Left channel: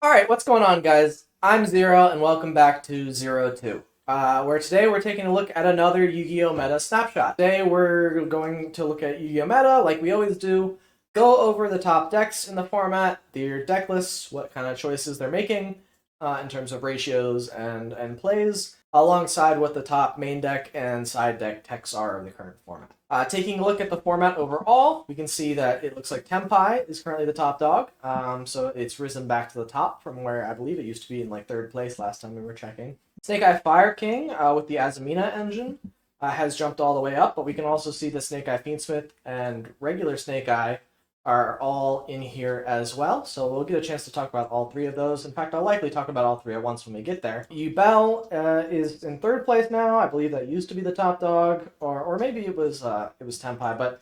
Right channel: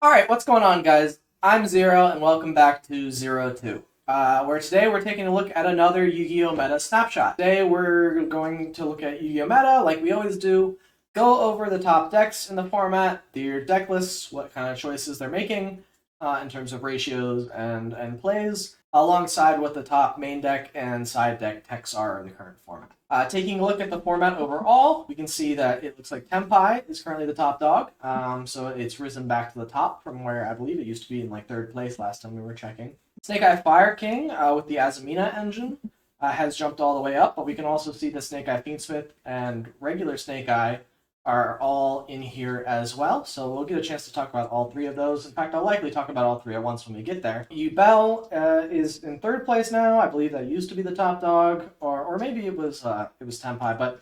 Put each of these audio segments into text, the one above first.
Alright, what's going on, guys? I'm Zero, and welcome back to Zero 2, where today we're taking a look at another Yu-Gi-Oh! Meta snapshot. Today we're going to look at Yu-Gi-Oh! Meta, like we always do, go over the top decks in the format, their deck lists, what kind of choices they're making in terms of ratios and plays, alongside what the top main deck and side deck techs are in the current format. Taking a look at the format overall, we can see that it looks like Tenpai is currently the top dog. So it's risen back to the top from where I believe it used to be in like third place last time we were checking. Snake Eye Fire King with the Azamina engine has jumped all the way up, but we can also see the Snake Eye Fiendsmith and regular Snake Eye are all in here as well. So we'll get a chance to talk about all three of those. In fact, I'll likely talk about all three at once when we get there. Yubel is in third place now. I believe that used to be the top dog, or maybe it was Tenpai. But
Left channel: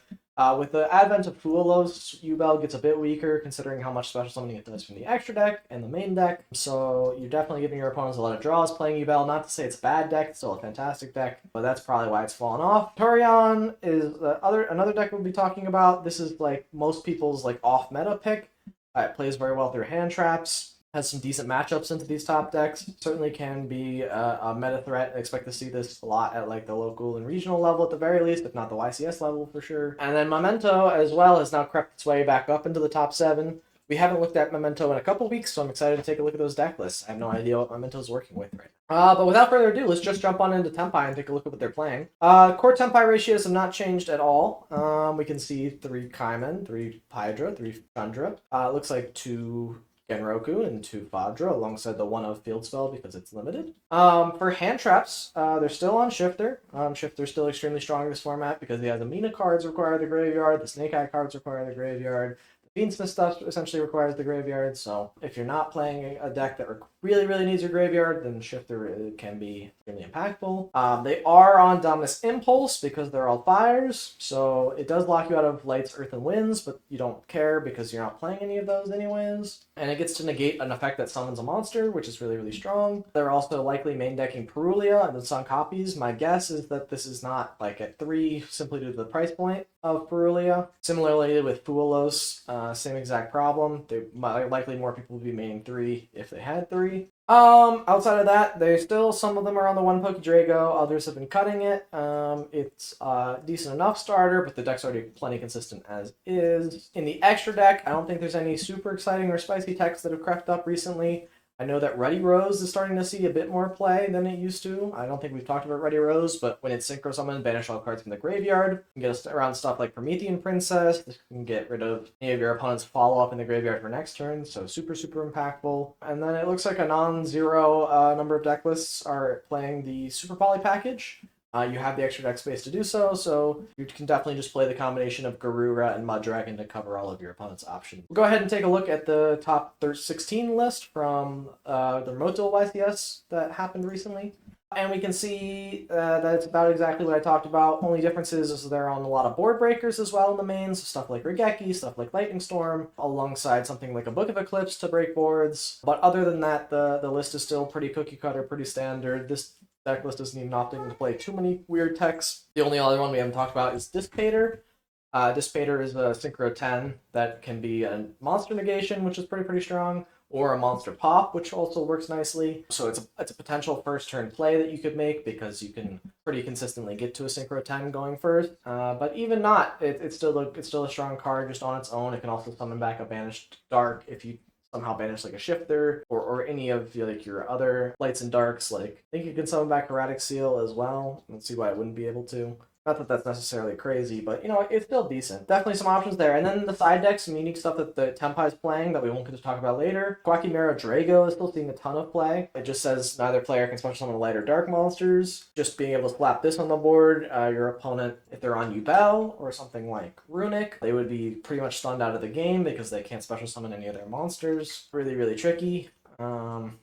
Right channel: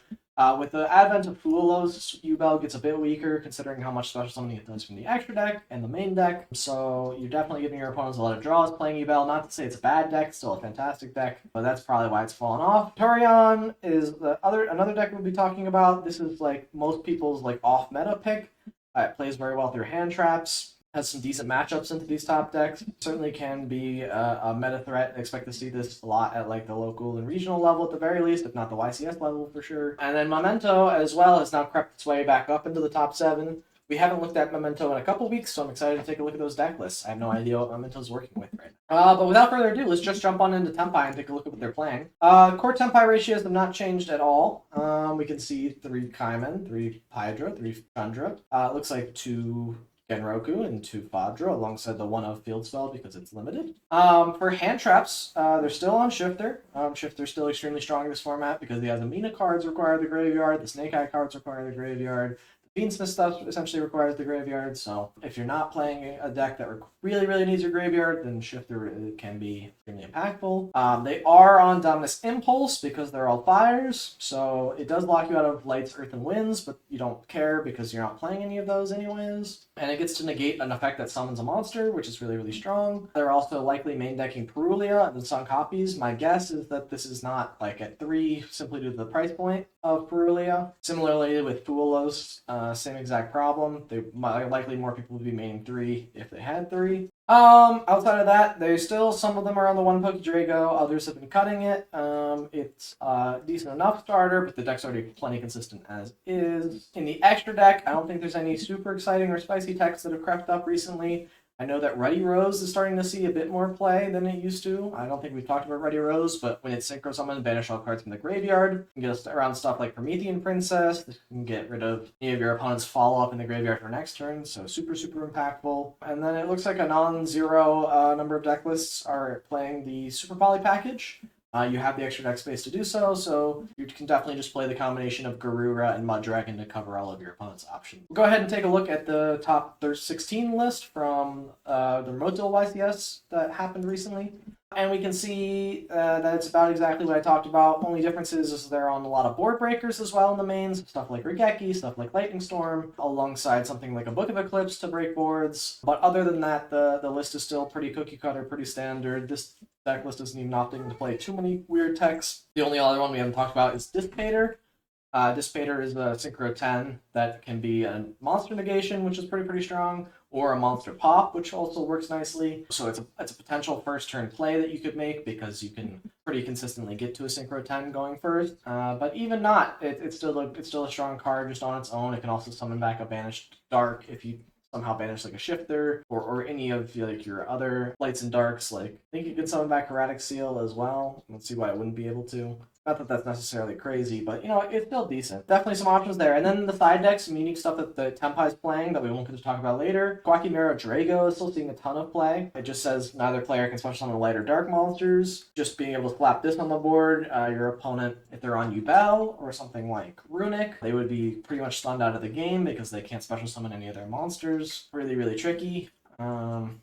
with the advent of Fuelos, Yubel gets a bit weaker considering how much special summoning it does from the extra deck and the main deck. So you're definitely giving your opponents a lot of draws playing Yubel. Not to say it's a bad deck, it's still a fantastic deck, but that's probably why it's fallen off. Centur-ion is another deck we'll be talking about. This is like most people's like off meta pick. It plays very well through hand traps. Has some decent matchups into these top decks. Certainly can be a meta threat. I expect to see this a lot at like the local and regional level at the very least, if not the YCS level for sure. And then Memento as well has now crept its way back up into the top 7. We haven't looked at Memento in a couple weeks, so I'm excited to take a look at those deck lists. I have no idea what Memento's working with right now. But without further ado, let's just jump on into Tenpai and take a look at what they're playing. Core Tenpai ratios have not changed at all. We can see 3 Kaimen, 3 Hydra, 3 Chandra. Looks like 2 Genroku and 2 Fadra alongside the 1 of Field Spell because it's limited. For hand traps, they're still on Shifter. Shifter's still extremely strong in this format because the Azamina cards require the graveyard, the Snake Eye cards require the graveyard, Fiendsmith stuff essentially requires the graveyard, so if you're not playing a deck that really needs your graveyard, then Shifter can be extremely impactful. They are on Dominus Impulse because they're all fires, so it does lock you out of Lights, Earth, and Winds, but you don't care because you're not playing any of those anyways. And it gets to negate an effect that summons a monster, which is really strong. They're also likely main decking Perulia and the Sun copies. My guess is that this is not like at 3 simply due to the price point of Perulia. Similarly with Fuelos, same exact problem. They likely more people would be maining 3 if they had 3. Outside of that, there's still some of them are on the 1 Poke Drago, others have been cutting it. It's a decent enough starter, but the deck's already plenty consistent as is. In the extra deck, I don't think there's any super exciting or spicy techs that have crept up recently. I know that Ruddy Rose is starting to see a bit more play than it used to. I don't think we've talked about Ruddy Rose, but when it's Synchro Summon, banish all cards from the graveyard. You can get us around stuff like Promethean Princess. You can get rid of any of your opponent's follow-up in the graveyard for next turn, so super impactful. And then it looks like a non-zero number of deck lists are playing the Super Poly package. You have the extra deck space to do so you can definitely just play the combination of Garura and Mud Dragon to cover all of your opponent's options. We'll go ahead and take a look at the top 16 list from the Memento YCS that happened recently. And we can see that it's about exactly what I talked about. Only differences is they're on a lot of board breakers as well in the mains, stuff like Regeki, stuff like Lightning Storm, alongside something like a Book of Eclipse to break boards. But other than that, the list is still pretty cookie cutter, pretty standard. This deck list isn't even opting to play too many weird techs. The only other one we haven't talked about is Dissipator. Dissipator is a Synchro 10 that can be a monster negation, which is pretty strong, or a monster pop, which also works nicely. So it's a potential first turn play that you could make because you can pretty consistently get to a Synchro 10 going first. But even not, it's still a strong card just on its own. It can also summon back a banished dark if you somehow banish like a Shifter or any of like your other lights and darks. Like I think you can summon back Erratic Seal as well. Let's see why I wouldn't be able to. Not that that's necessarily crazy, but you know, it's still decent. Definitely some options there. And then the side decks, some unique stuff that the Tenpai is playing that we won't get to talk about later. Quackimero Drago is still seeing a ton of play. It just says neither player can special summon light or dark monsters. Just being able to slap this on the board, your opponent, if they're on Yubel or something like Runic, they would be pretty much stunned out of the game because they can't special summon any of their monsters. Really tricky.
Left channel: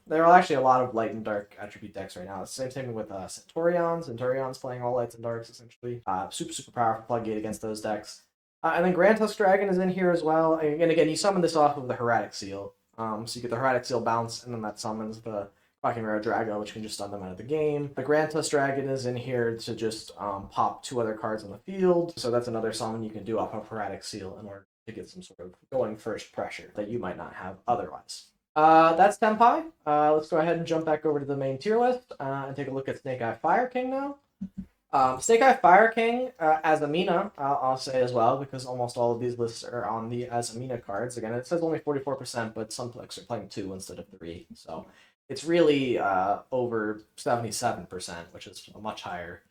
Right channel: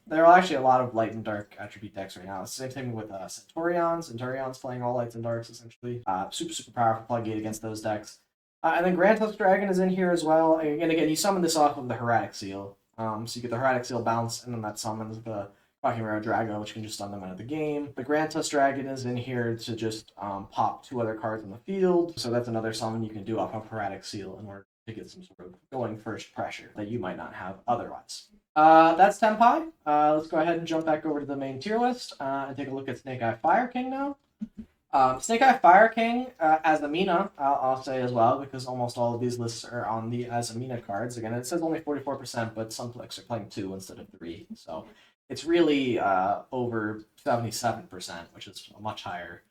There are actually a lot of light and dark attribute decks right now. Same thing with Centur-ion. Centur-ion's playing all lights and darks essentially. Super powerful plug gate against those decks. And then Grand Tusk Dragon is in here as well. And again, you summon this off of the Erratic Seal. So you get the Erratic Seal bounce, and then that summons the Quackimero Drago, which can just stun them out of the game. The Grand Tusk Dragon is in here to just pop 2 other cards on the field. So that's another summon you can do off of Erratic Seal in order to get some sort of going first pressure that you might not have otherwise. That's Tenpai. Let's go ahead and jump back over to the main tier list and take a look at Snake Eye Fire King now. Snake Eye Fire King, Azamina, I'll say as well, because almost all of these lists are on the Azamina cards. Again, it says only 44%, but some decks are playing 2 instead of 3. So it's really over 77%, which is a much higher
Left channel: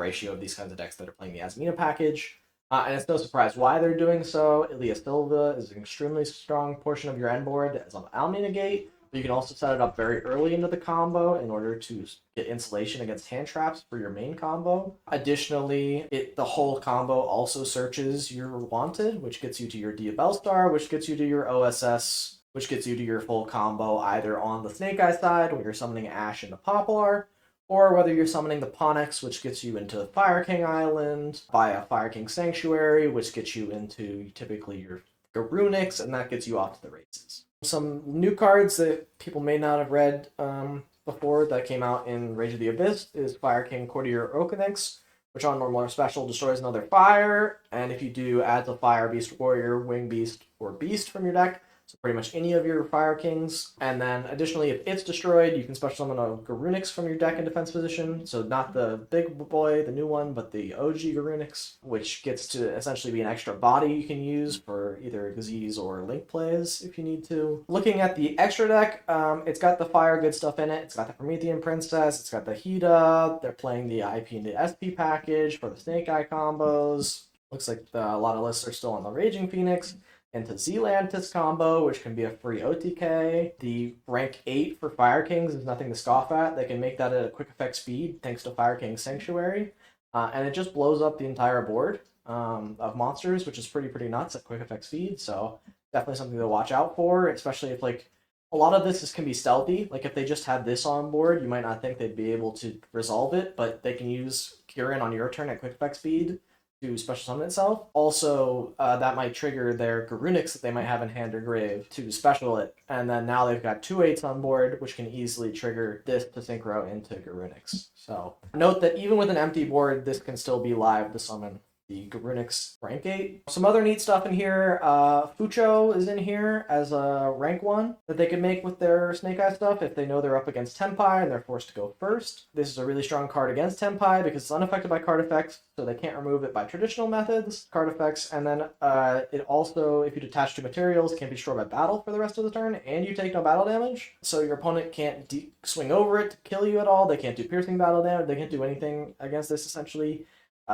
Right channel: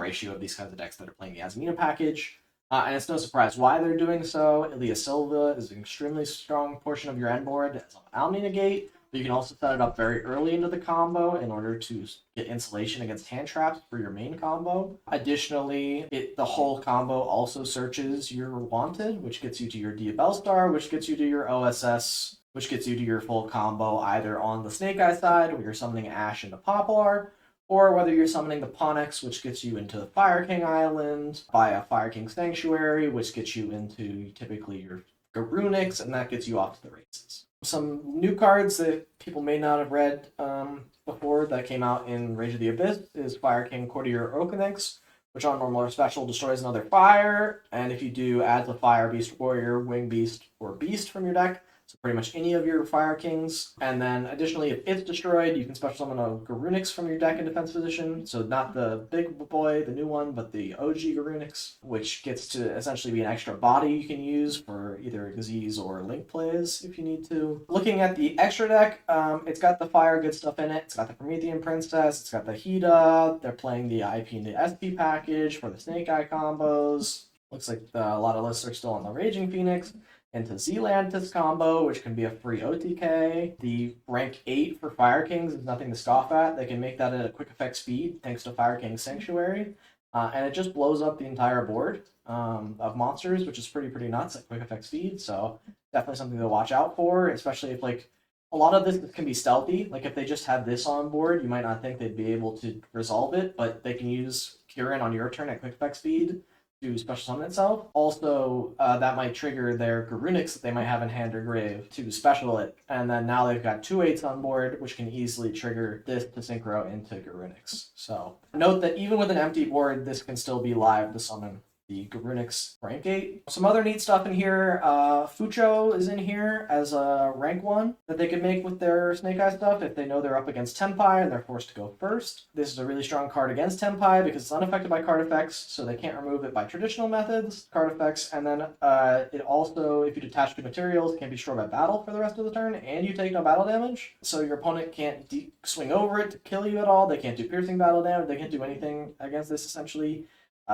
ratio of these kinds of decks that are playing the Azamina package. And it's no surprise why they're doing so. Ilia Silva is an extremely strong portion of your end board as an Almina Gate. But you can also set it up very early into the combo in order to get insulation against hand traps for your main combo. Additionally, the whole combo also searches your Wanted, which gets you to your Yubel Star, which gets you to your OSS, which gets you to your full combo either on the Snake Eye side, where you're summoning Ash into Poplar, or whether you're summoning the Ponix, which gets you into the Fire King Island, via Fire King Sanctuary, which gets you into typically your Garunix, and that gets you off to the races. Some new cards that people may not have read before that came out in Rage of the Abyss is Fire King Courtier Okanix, which on normal or special destroys another fire, and if you do, adds a Fire Beast Warrior, Wing Beast, or Beast from your deck. So pretty much any of your Fire Kings. And then additionally, if it's destroyed, you can special summon a Garunix from your deck in defense position. So not the big boy, the new one, but the OG Garunix, which gets to essentially be an extra body you can use for either Xyz or Link plays if you need to. Looking at the extra deck, it's got the fire good stuff in it. It's got the Promethean Princess. It's got the Hida. They're playing the IP and the SP package for the Snake Eye combos. Looks like a lot of lists are still on the Raging Phoenix. Into Zealantis combo, which can be a free OTK. The rank 8 for Fire Kings is nothing to scoff at. They can make that at a quick effect speed thanks to Fire King Sanctuary. And it just blows up the entire board of monsters, which is pretty nuts at quick effect speed. So definitely something to watch out for, especially if like a lot of this can be stealthy. Like if they just had this on board, you might not think they'd be able to resolve it, but they can use Kirin on your turn at quick effect speed to special summon itself. Also, that might trigger their Garunix that they might have in hand or grave to special it. And then now they've got 2/8s on board, which can easily trigger this to synchro into Garunix. So note that even with an empty board, this can still be live to summon the Garunix rank 8. Some other neat stuff in here. Fucho is in here as a rank 1 that they can make with their Snake Eye stuff if they know they're up against Tenpai and they're forced to go first. This is a really strong card against Tenpai because it's unaffected by card effects, so they can't remove it by traditional methods, card effects, and then it also, if you detach 2 materials, can't be destroyed by battle for the rest of the turn, and you take no battle damage. So your opponent can't swing over it to kill you at all, they can't do piercing battle damage, they can't do anything against this essentially.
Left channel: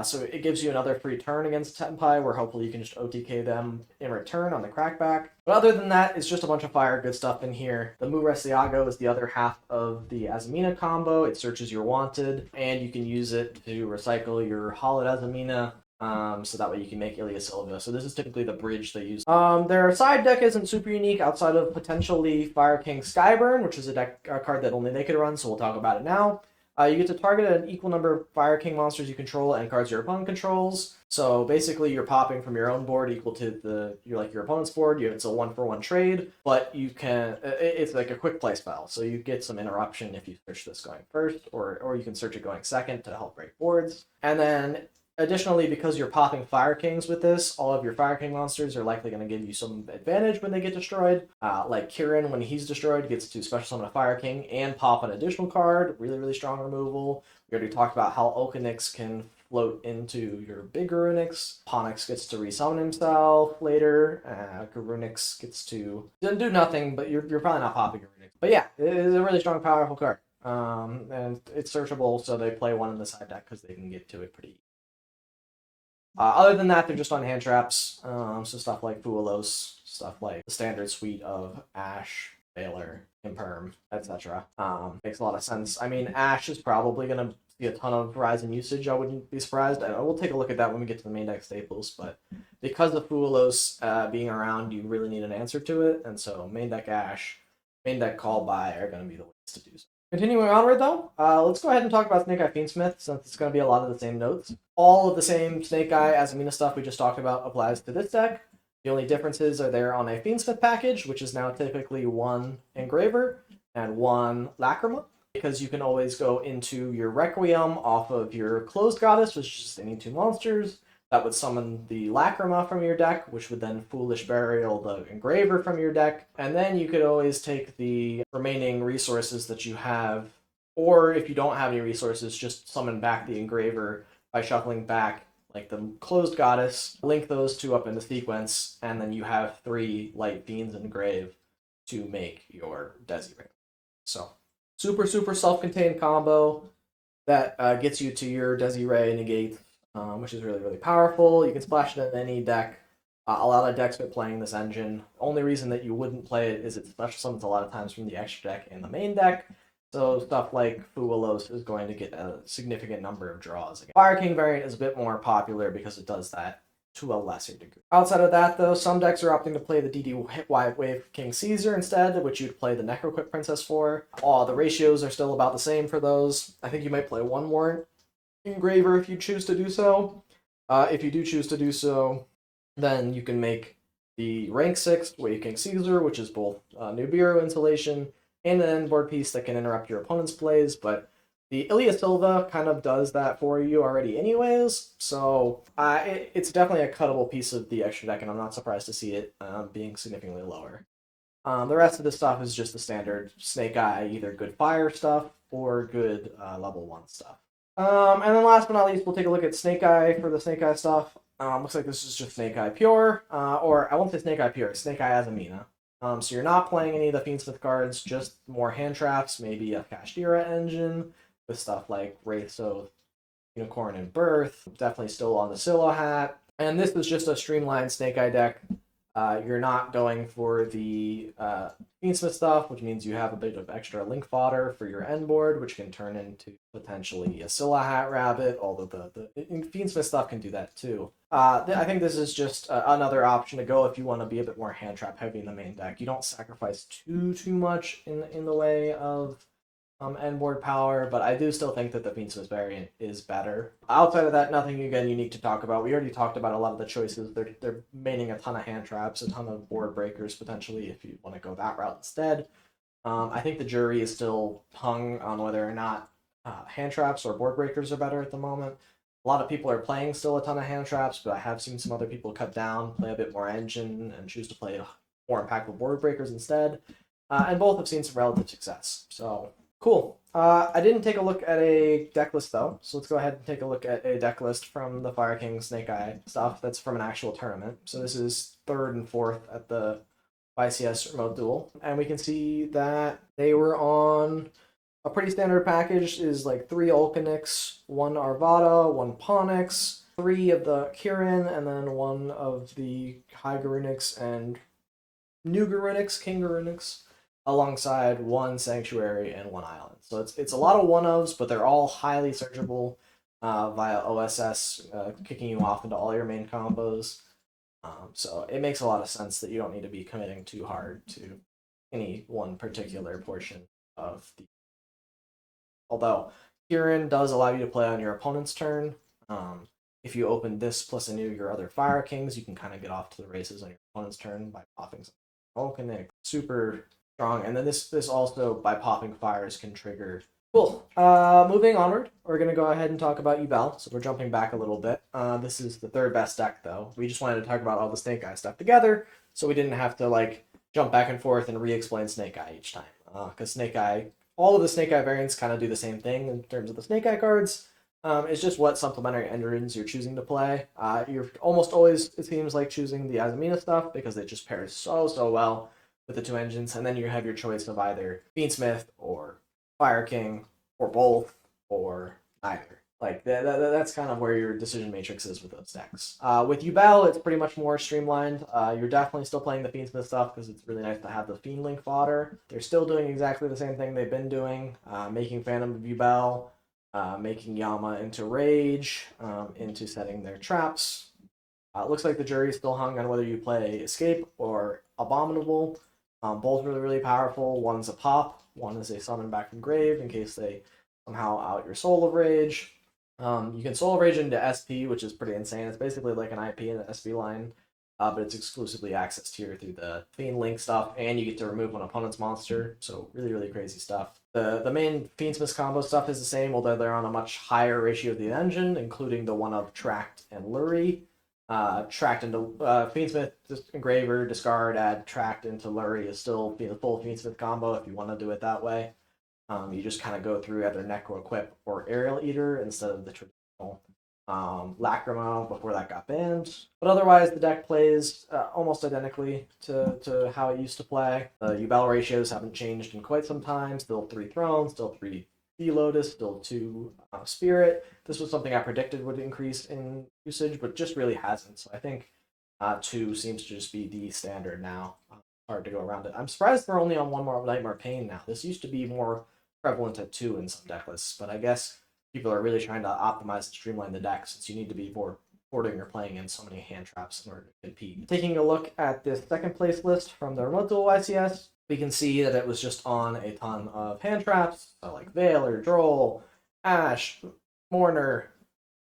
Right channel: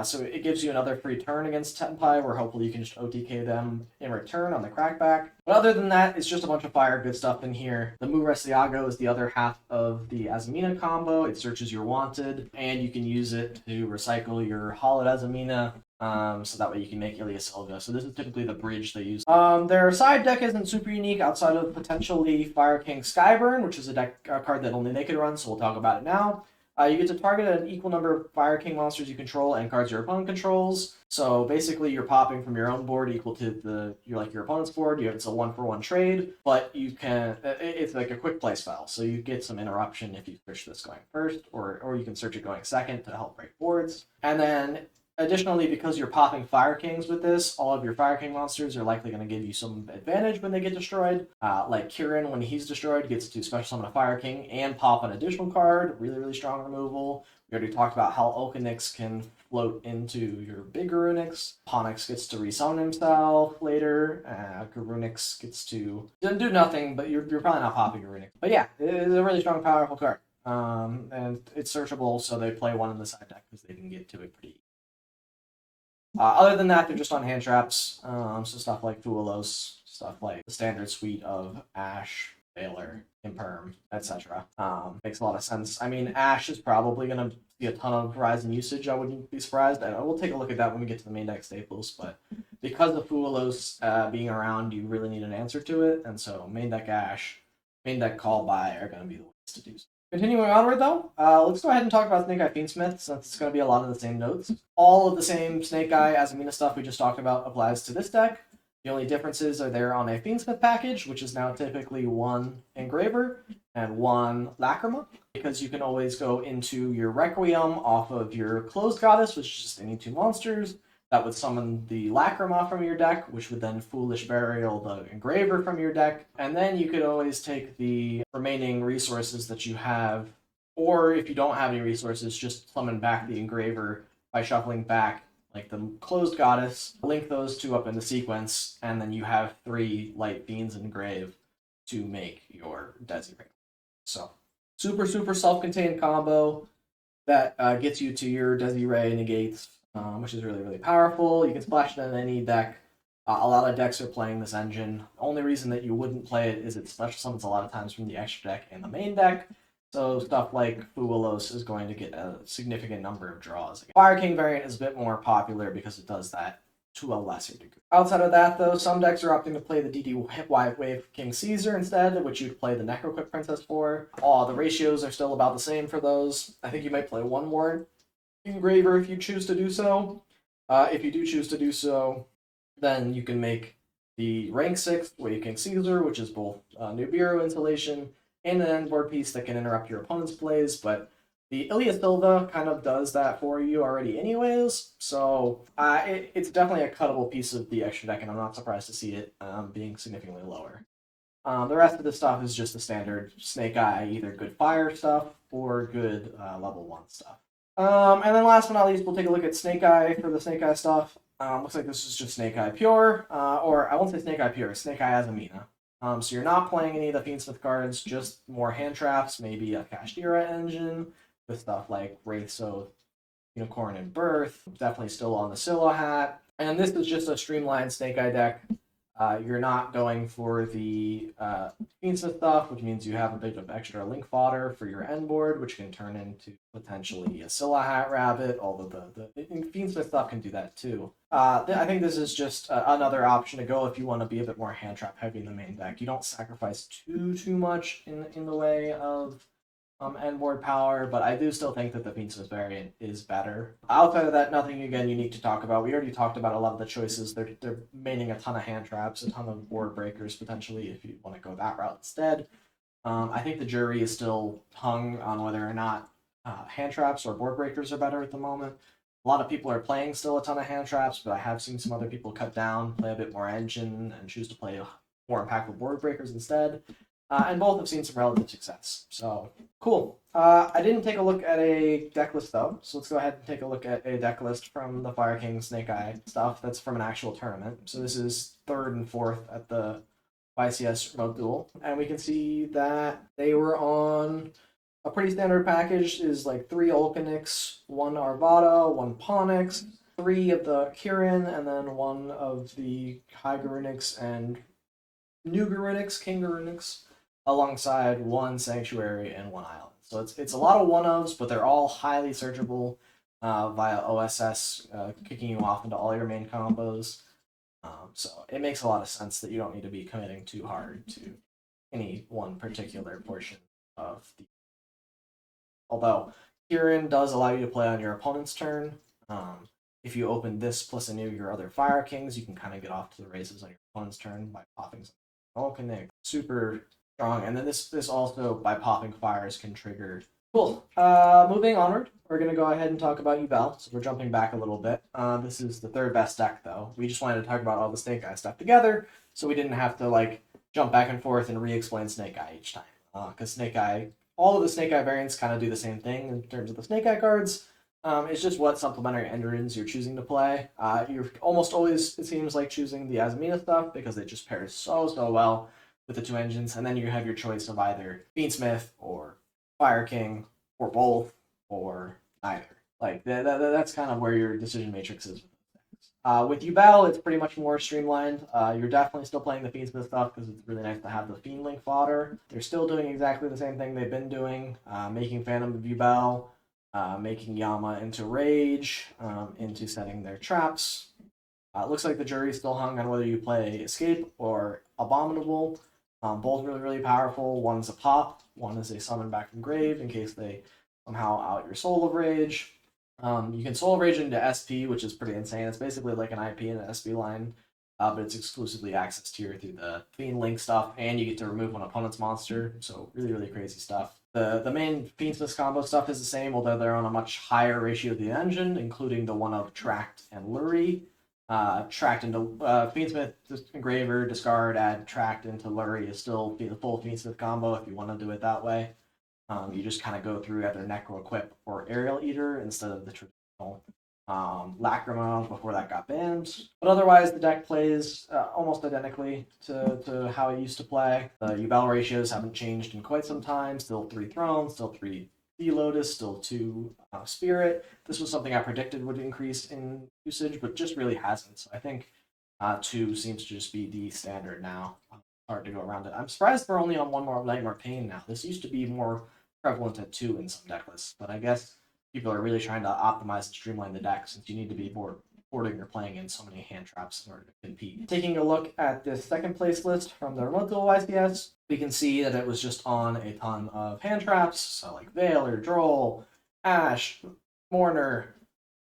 So it gives you another free turn against Tenpai, where hopefully you can just OTK them in return on the crackback. But other than that, it's just a bunch of fire good stuff in here. The Mu Restiago is the other half of the Azamina combo. It searches your Wanted, and you can use it to recycle your Hollowed Azamina, so that way you can make Ilia Silva. So this is typically the bridge they use. Their side deck isn't super unique outside of potentially Fire King Skyburn, which is a card that only they could run, so we'll talk about it now. You get to target an equal number of Fire King monsters you control and cards your opponent controls. So basically, you're popping from your own board equal to your opponent's board. It's a 1-for-1 trade, but you can. It's like a quick play spell, so you get some interruption if you search this going first, or you can search it going second to help break boards. And then additionally, because you're popping Fire Kings with this, all of your Fire King monsters are likely going to give you some advantage when they get destroyed. Like Kirin, when he's destroyed, gets to special summon a Fire King and pop an additional card. Really strong removal. We already talked about how Okanix can float into your big Garunix. Ponix gets to resummon himself later. Garunix gets to do nothing, but you're probably not popping Garunix. But yeah, it is a really strong, powerful card. And it's searchable, so they play one in the side deck because they can get to it pretty easy. Other than that, they're just on hand traps, so stuff like Fuelos, stuff like the standard suite of Ash, Baylor, Imperm, etc. Makes a lot of sense. I mean, Ash is probably going to see a ton of rise in usage, I wouldn't be surprised. And we'll take a look at that when we get to the main deck staples, but because of Fuelos being around, you really need an answer to it, and so main deck Ash, main deck Call By are going to be the ways to do so. Continuing onward, though, let's go ahead and talk about Snake Eye Fiendsmith, since it's going to be a lot of the same notes. All of the same Snake Eye Azamina stuff we just talked about applies to this deck. The only differences are there on a Fiendsmith package, which is now typically 1 Engraver and 1 Lacrima, because you can always go into your Requiem off of your Closed Goddess, which is just any 2 monsters, that would summon the Lacrima from your deck, which would then Foolish Burial the Engraver from your deck. And then you could always take the remaining resources that you have, or if you don't have any resources, just summon back the Engraver by shuffling back like the Closed Goddess, link those two up into sequence, and then you have 3 Light Fiends Engrave to make your Desi Ring. So, super, super self-contained combo that gets you to your Desi Ray negates, which is really, really powerful. You can splash it in any deck. A lot of decks are playing this engine. The only reason that you wouldn't play it is it special summons a lot of times from the extra deck and the main deck. So stuff like Fuwalos is going to get a significant number of draws. Fire King variant is a bit more popular because it does that to a lesser degree. Outside of that, though, some decks are opting to play the DD Wave King Caesar instead, which you'd play the Necroquip Princess for. The ratios are still about the same for those. I think you might play one more Engraver if you choose to do so. If you do choose to do so, then you can make the rank 6 Wave King Caesar, which is both Nibiru insulation and an end board piece that can interrupt your opponent's plays, but the Ilya Silva kind of does that for you already anyways, so it's definitely a cuttable piece of the extra deck, and I'm not surprised to see it being significantly lower. The rest of the stuff is just the standard Snake Eye, either good fire stuff or good level 1 stuff. And then last but not least, we'll take a look at Snake Eye for the Snake Eye stuff. Looks like this is just Snake Eye Pure, or I won't say Snake Eye Pure, Snake Eye Azamina. So you're not playing any of the Fiendsmith cards, just more hand traps, maybe a Kashtira engine, with stuff like Wraith's Oath, Unicorn and Birth, definitely still on the Scylla hat. And this is just a streamlined Snake Eye deck. You're not going for the Fiendsmith stuff, which means you have a bit of extra link fodder for your end board, which can turn into potentially a Scylla Hat Rabbit, although the Fiendsmith stuff can do that too. I think this is just another option to go if you want to be a bit more hand trap heavy in the main deck. You don't sacrifice too much in the way of end board power, but I do still think that the Fiendsmith variant is better. Outside of that, nothing again unique to talk about. We already talked about a lot of the choices. They're maining a ton of hand traps, a ton of board breakers potentially if you want to go that route instead. I think the jury is still hung on whether or not hand traps or board breakers are better at the moment. A lot of people are playing still a ton of hand traps, but I have seen some other people cut down, play a bit more engine, and choose to play more impactful board breakers instead. And both have seen some relative success. So, cool. I didn't take a look at a deck list, though, so let's go ahead and take a look at a deck list from the Fire King Snake Eye stuff that's from an actual tournament. So this is 3rd and 4th at the YCS Remote Duel. And we can see that they were on a pretty standard package, is like 3 Ulcanix, 1 Arvada, 1 Ponix, 3 of the Kirin, and then 1 of the High Garunix and New Garunix, King Garunix, alongside 1 Sanctuary and 1 Island. So it's a lot of one-ofs, but they're all highly searchable via OSS, kicking you off into all your main combos. So it makes a lot of sense that you don't need to be committing too hard to any one particular portion of the... Although, Kirin does allow you to play on your opponent's turn. If you open this plus any of your other Fire Kings, you can kind of get off to the races on your opponent's turn by popping some Volcanic. Super strong. And then this also, by popping fires, can trigger. Cool. Moving onward, we're going to go ahead and talk about Yubel. So we're jumping back a little bit. This is the 3rd best deck, though. We just wanted to talk about all the Snake Eye stuff together, so we didn't have to jump back and forth and re-explain Snake Eye each time. Because Snake Eye, all of the Snake Eye variants kind of do the same thing in terms of the Snake Eye cards. It's just what supplementary engines you're choosing to play. You're almost always, it seems like, choosing the Azamina stuff because it just pairs so well with the 2 engines, and then you have your choice of either Fiendsmith or Fire King or both or neither. That's kind of where your decision matrix is with those decks. With Yubel, it's pretty much more streamlined. You're definitely still playing the Fiendsmith stuff because it's really nice to have the Fiend Link fodder. They're still doing exactly the same thing they've been doing, making Phantom of Yubel, making Yama into Rage, into setting their traps. It looks like the jury's still hung on whether you play Escape or Abominable. Both really powerful. One's a pop, one is a summon back from grave in case they somehow out your Soul of Rage. You can Soul of Rage into SP, which is pretty insane. It's basically like an IP and an SP line but it's exclusively accessed here through the Fiend Link stuff, and you get to remove an opponent's monster, so really, really crazy stuff. The main Fiendsmith combo stuff is the same, although they're on a much higher ratio of the engine, including the one of Tract and Lurie. Tract into Fiendsmith Engraver, discard, add Tract into Lurie is still the full Fiendsmith combo if you want to do it that way. You just kind of go through either Necro Equip or Aerial Eater instead of the traditional Lacrima before that got banned. But otherwise, the deck plays almost identically to how it used to play. The Yubel ratios haven't changed in quite some time. Still 3 Thrones, still 3 Lotus, still 2 Spirit. This was something I predicted would increase in usage, but just really hasn't. So I think 2 seems to just be the standard now. Hard to go around it. I'm surprised they're only on 1 more Nightmare Pain now. This used to be more prevalent at 2 in some deck lists, but I guess people are really trying to optimize and streamline the deck since you need to be boarding or playing in so many hand traps in order to compete. Taking a look at this second place list from the Memento YCS, we can see that it was just on a ton of hand traps, so like Veiler, Droll, Ash, Mourner,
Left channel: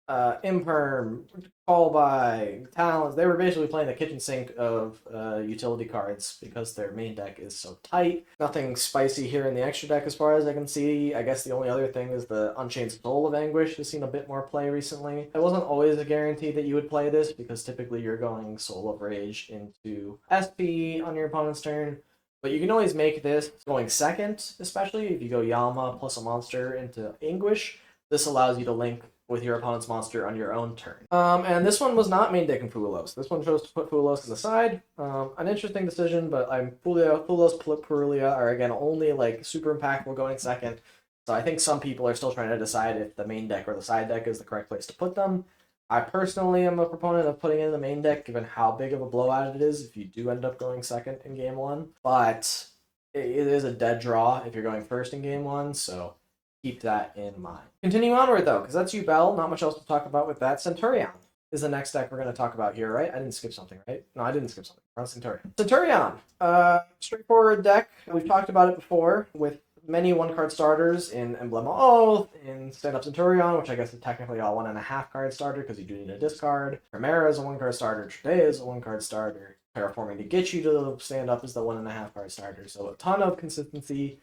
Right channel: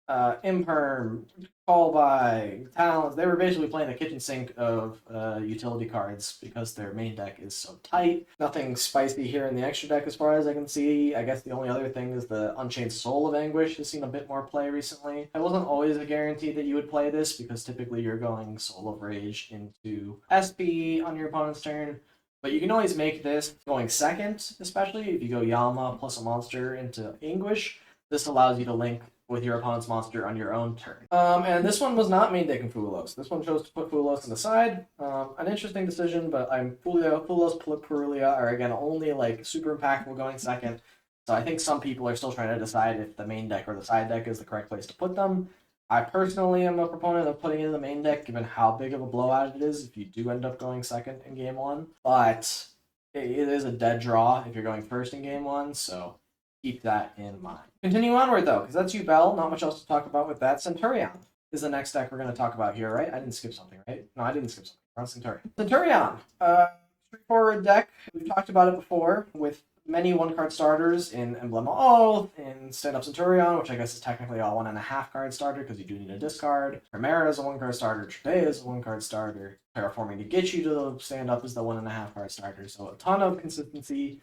Imperm, Callby, Talons. They were basically playing the kitchen sink of utility cards because their main deck is so tight. Nothing spicy here in the extra deck as far as I can see. I guess the only other thing is the Unchained Soul of Anguish has seen a bit more play recently. It wasn't always a guarantee that you would play this because typically you're going Soul of Rage into SP on your opponent's turn. But you can always make this going second, especially if you go Yama plus a monster into Anguish. This allows you to link with your opponent's monster on your own turn. And this one was not main decking Fulos. This one chose to put Fulos on the side. An interesting decision, but Fulos, Purulia are again only like super impactful going second. So I think some people are still trying to decide if the main deck or the side deck is the correct place to put them. I personally am a proponent of putting it in the main deck, given how big of a blowout it is if you do end up going second in game 1. But it is a dead draw if you're going first in game 1, so keep that in mind. Continue onward, though, because that's Yubel. Not much else to talk about with that. Centur-ion is the next deck we're going to talk about here, right? I didn't skip something, right? No, I didn't skip something. We're on Centur-ion. Centur-ion, straightforward deck. We've talked about it before with many one-card starters in Emblem of Oath, in Stand-Up Centur-ion, which I guess is technically a 1.5 card starter because you do need a discard. Chimera is a 1-card starter. Trade is a 1-card starter. Terraforming to get you to the stand-up is the 1.5 card starter. So a ton of consistency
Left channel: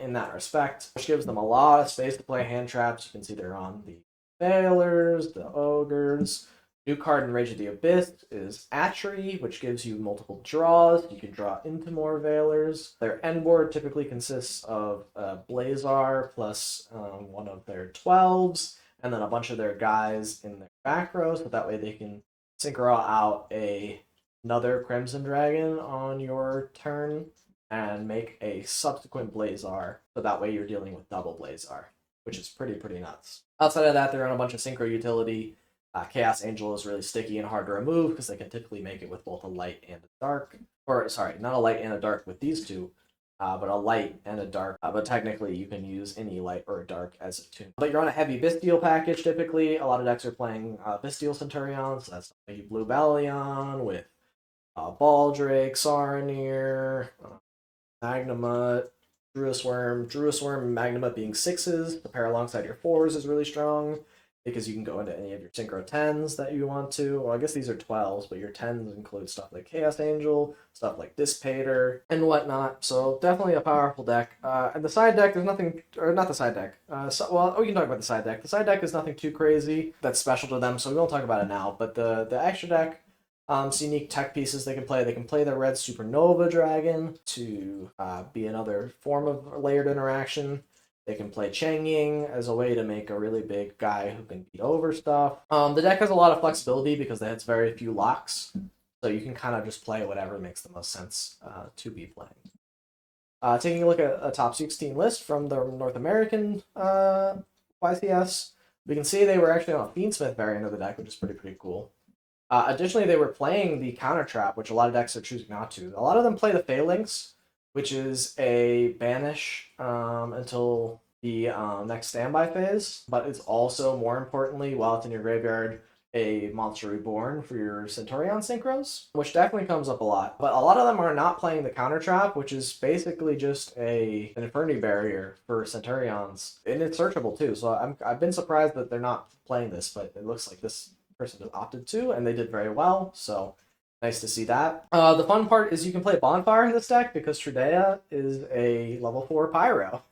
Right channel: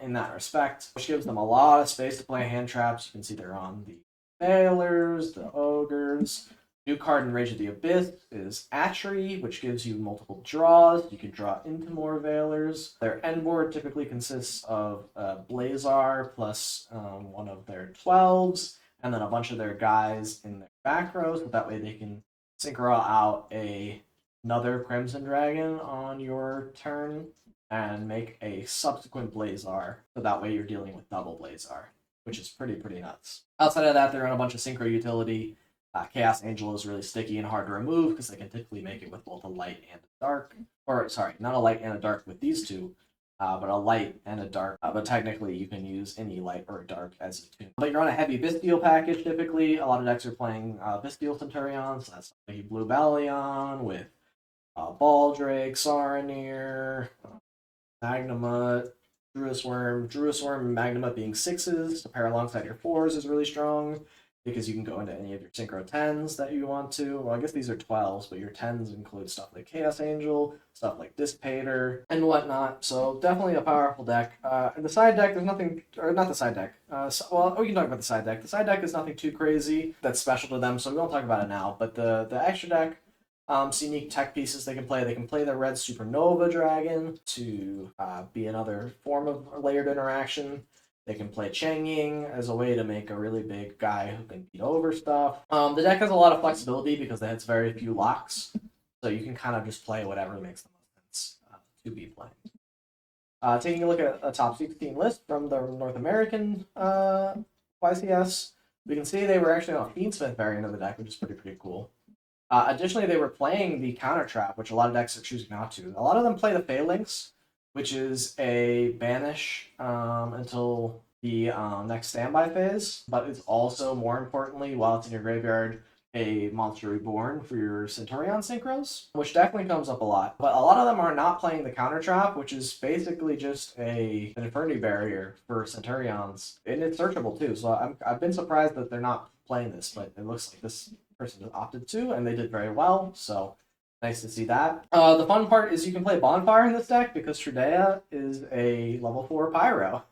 in that respect, which gives them a lot of space to play hand traps. You can see they're on the Veilers, the Ogres. New card in Rage of the Abyss is Atchery, which gives you multiple draws. You can draw into more Veilers. Their end board typically consists of Blazar plus one of their 12s, and then a bunch of their guys in their back row, so that way they can synchro out another Crimson Dragon on your turn and make a subsequent Blazar, so that way you're dealing with double Blazar, which is pretty nuts. Outside of that, they're on a bunch of synchro utility. Chaos Angel is really sticky and hard to remove because they can typically make it with both a light and a dark. Or, sorry, not a light and a dark with these two, but a light and a dark. But technically, you can use any light or a dark as a tune. But you're on a heavy Bestial package, typically. A lot of decks are playing Bestial Centur-ion, so that's like Blue Balion with Baldrake, Saronir, Magnamut, Druis Worm, Magnamut being 6s to pair alongside your 4s is really strong because you can go into any of your Synchro 10s that you want to. Well, I guess these are 12s, but your 10s include stuff like Chaos Angel, stuff like Dissipator, and whatnot. So definitely a powerful deck. And the side deck, there's nothing, or not the side deck. We can talk about the side deck. The side deck is nothing too crazy that's special to them, so we won't talk about it now. But the extra deck, some unique tech pieces they can play. They can play the red Supernova Dragon to be another form of layered interaction. They can play Chang Ying as a way to make a really big guy who can beat over stuff. The deck has a lot of flexibility because it has very few locks, so you can kind of just play whatever makes the most sense to be playing. Taking a look at a top 16 list from the North American YCS, we can see they were actually on a Fiendsmith variant of the deck, which is pretty cool. Additionally, they were playing the Counter Trap, which a lot of decks are choosing not to. A lot of them play the Phalanx, which is a banish until the next standby phase, but it's also, more importantly, while it's in your graveyard, a Monster Reborn for your Centur-ion synchros, which definitely comes up a lot. But a lot of them are not playing the Counter Trap, which is basically just an Infernity Barrier for Centurions, and it's searchable too. So I've been surprised that they're not playing this, but it looks like this person opted to, and they did very well. So Nice to see that. The fun part is you can play Bonfire in this deck because Tridea is a level 4 Pyro.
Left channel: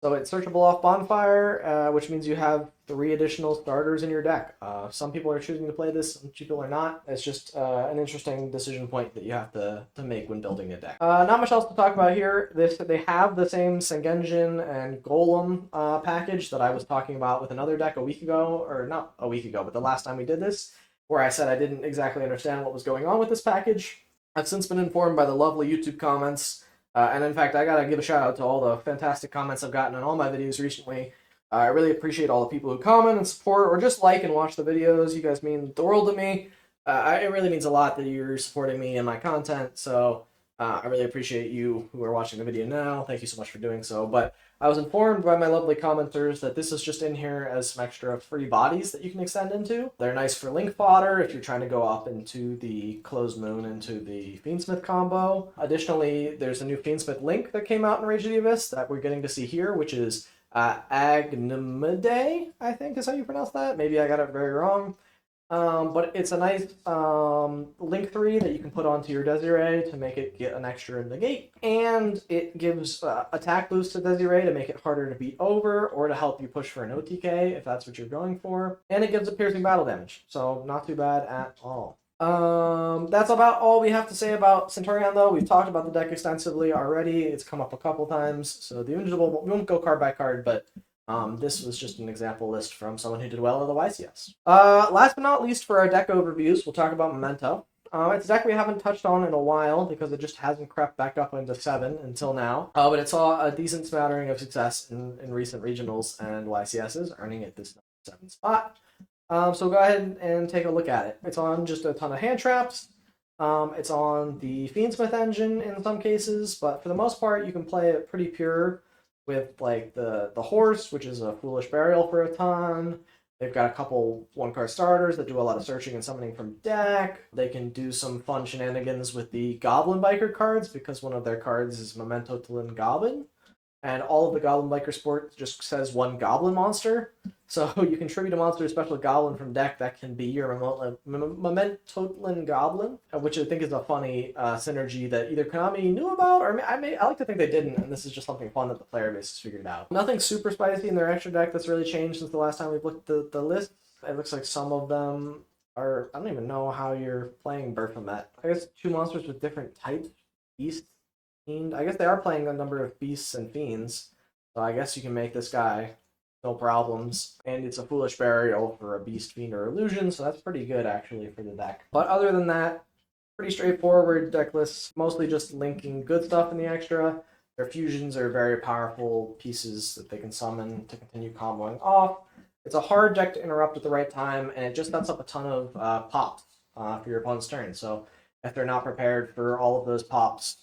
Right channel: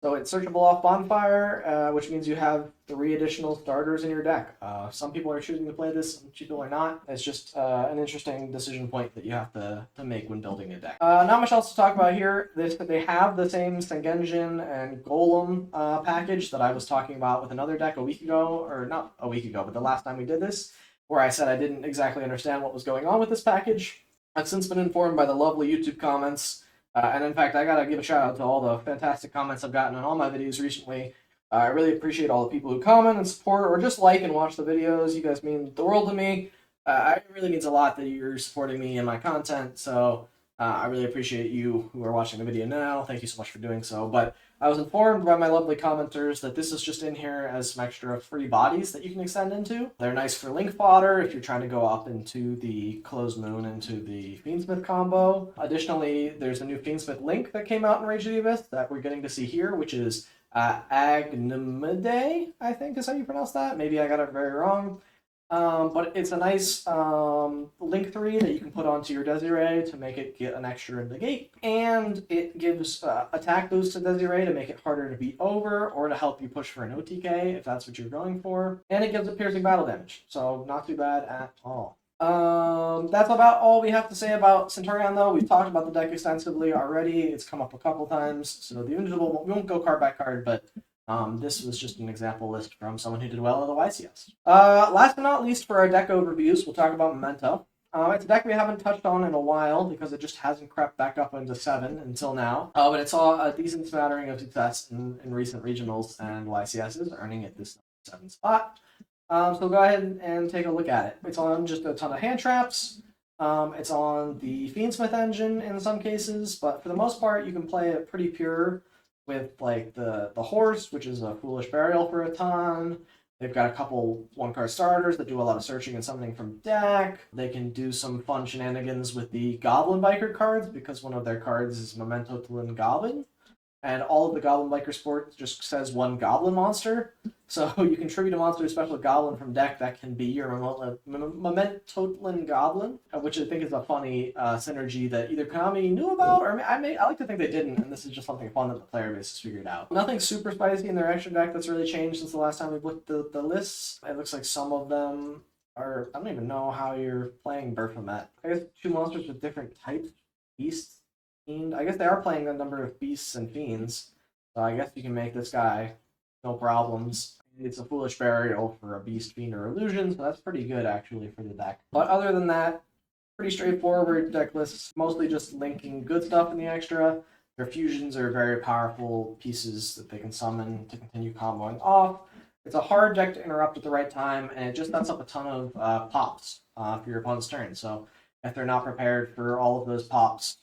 So it's searchable off Bonfire, which means you have 3 additional starters in your deck. Some people are choosing to play this, some people are not. It's just an interesting decision point that you have to make when building a deck. Not much else to talk about here. They have the same Sengenjin and Golem package that I was talking about with another deck a week ago, or not a week ago, but the last time we did this, where I said I didn't exactly understand what was going on with this package. I've since been informed by the lovely YouTube comments. And in fact, I gotta give a shout out to all the fantastic comments I've gotten on all my videos recently. I really appreciate all the people who comment and support, or just like and watch the videos. You guys mean the world to me. It really means a lot that you're supporting me and my content, so I really appreciate you who are watching the video now. Thank you so much for doing so. But I was informed by my lovely commenters that this is just in here as some extra free bodies that you can extend into. They're nice for link fodder if you're trying to go up into the Closed Moon, into the Fiendsmith combo. Additionally, there's a new Fiendsmith link that came out in Rage of the Abyss that we're getting to see here, which is Agnimide, I think is how you pronounce that. Maybe I got it very wrong. But it's a nice link 3 that you can put onto your Desiree to make it get an extra negate. And it gives attack boost to Desiree to make it harder to beat over, or to help you push for an OTK if that's what you're going for. And it gives a piercing battle damage, so not too bad at all. That's about all we have to say about Centur-ion, though. We've talked about the deck extensively already. It's come up a couple times, so the Invincible, we won't go card by card, but this was just an example list from someone who did well at the YCS. Last but not least, for our deck overviews, we'll talk about Memento. It's a deck we haven't touched on in a while because it just hasn't crept back up into 7 until now. But it saw a decent smattering of success in recent regionals and YCSs, earning it this 7 spot. So go ahead and take a look at it. It's on just a ton of hand traps. It's on the Fiendsmith engine in some cases, but for the most part, you can play it pretty pure with like the horse, which is a foolish burial for a ton. They've got a couple 1-card starters that do a lot of searching and summoning from deck. They can do some fun shenanigans with the Goblin Biker cards because one of their cards is Memento Goblin. And all of the Goblin Biker support just says 1 Goblin monster. So you can tribute a monster to special Goblin from deck that can be your Memento Goblin, which I think is a funny synergy that either Konami knew about, or I like to think they didn't, and this is just something fun that the player base has figured out. Nothing super spicy in their extra deck that's really changed since the last time we've looked at the lists. It looks like some of them are, I don't even know how you're playing Baphomet. I guess 2 monsters with different types, beasts, fiend. I guess they are playing a number of beasts and fiends, so I guess you can make this guy no problems. And it's a foolish burial for a beast, fiend, or illusion, so that's pretty good actually for the deck. But other than that, pretty straightforward deck lists, mostly just linking good stuff in the extra. Their fusions are very powerful pieces that they can summon to continue comboing off. It's a hard deck to interrupt at the right time, and it just sets up a ton of pops for your opponent's turn. So if they're not prepared for all of those pops,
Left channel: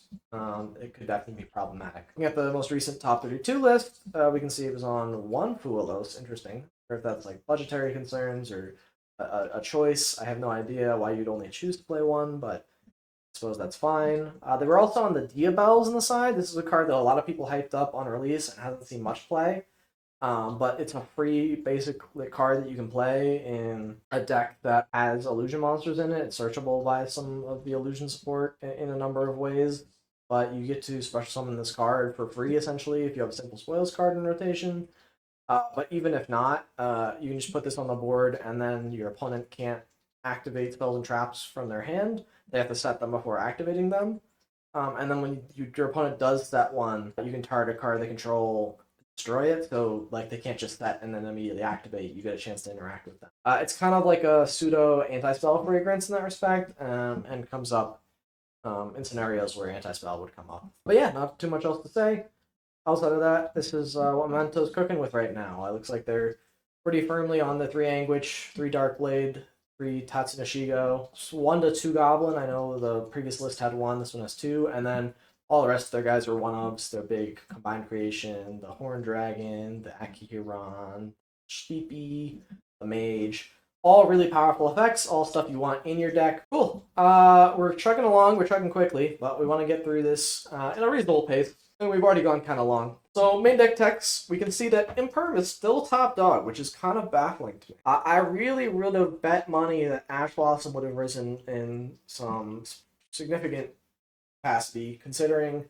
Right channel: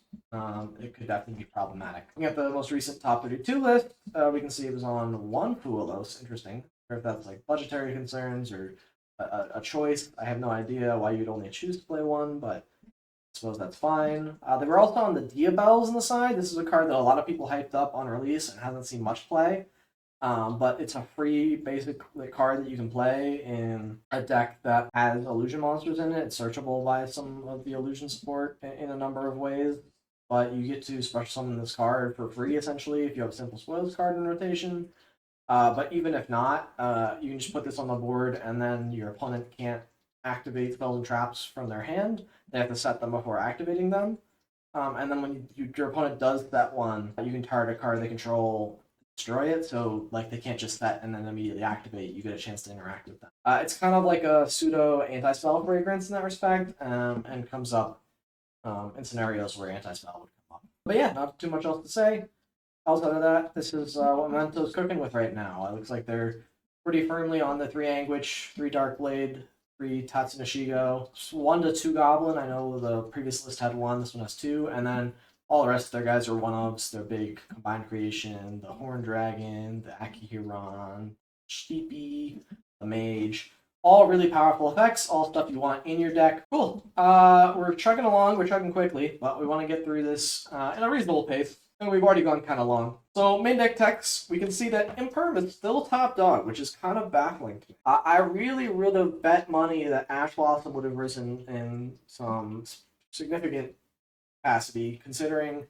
it could definitely be problematic. Looking at the most recent top 32 list, we can see it was on 1 Fuelos. Interesting. Or if that's like budgetary concerns or a choice. I have no idea why you'd only choose to play 1, but I suppose that's fine. They were also on the Diabels on the side. This is a card that a lot of people hyped up on release and hasn't seen much play. But it's a free basic card that you can play in a deck that has illusion monsters in it. It's searchable by some of the illusion support in a number of ways. But you get to special summon this card for free, essentially, if you have a Simple Spoils card in rotation. But even if not, you can just put this on the board, and then your opponent can't activate spells and traps from their hand. They have to set them before activating them. And then when your opponent does set one, you can target a card they control, destroy it, so like they can't just set and then immediately activate. You get a chance to interact with them. It's kind of like a pseudo anti-spell fragrance in that respect, and comes up in scenarios where anti-spell would come up. But yeah, not too much else to say. Outside of that, this is what Memento's cooking with right now. It looks like they're pretty firmly on the 3 Anguish, 3 Darkblade, 3 Tatsunashigo, 1 to 2 Goblin. I know the previous list had 1, this one has 2, and then all the rest of their guys are 1-ofs. Their big combined creation, the Horn Dragon, the Akihiron, Sleepy, the Mage. All really powerful effects, all stuff you want in your deck. Cool. We're chugging along, we're chugging quickly, but we want to get through this in a reasonable pace. And we've already gone kind of long. So main deck techs, we can see that Imperm is still top dog, which is kind of baffling to me. I really would have bet money that Ash Blossom would have risen in some significant capacity, considering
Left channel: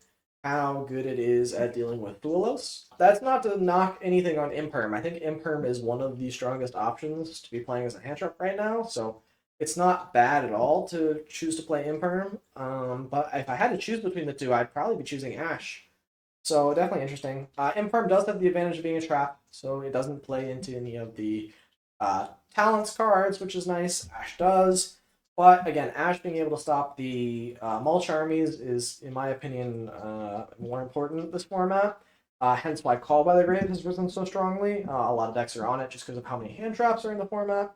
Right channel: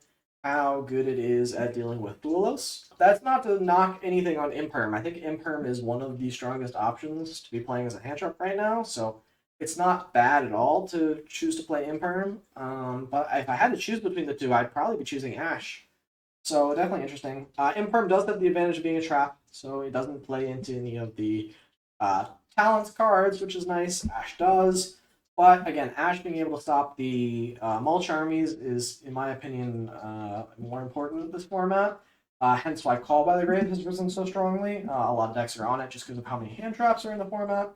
how good it is at dealing with Duelos. That's not to knock anything on Imperm. I think Imperm is one of the strongest options to be playing as a hand trap right now, so it's not bad at all to choose to play Imperm. But if I had to choose between the two, I'd probably be choosing Ash. So definitely interesting. Imperm does have the advantage of being a trap, so it doesn't play into any of the talents cards, which is nice. Ash does. But again, Ash being able to stop the mulch armies is, in my opinion, more important this format. Hence why Call by the Grave has risen so strongly. A lot of decks are on it just because of how many hand traps are in the format.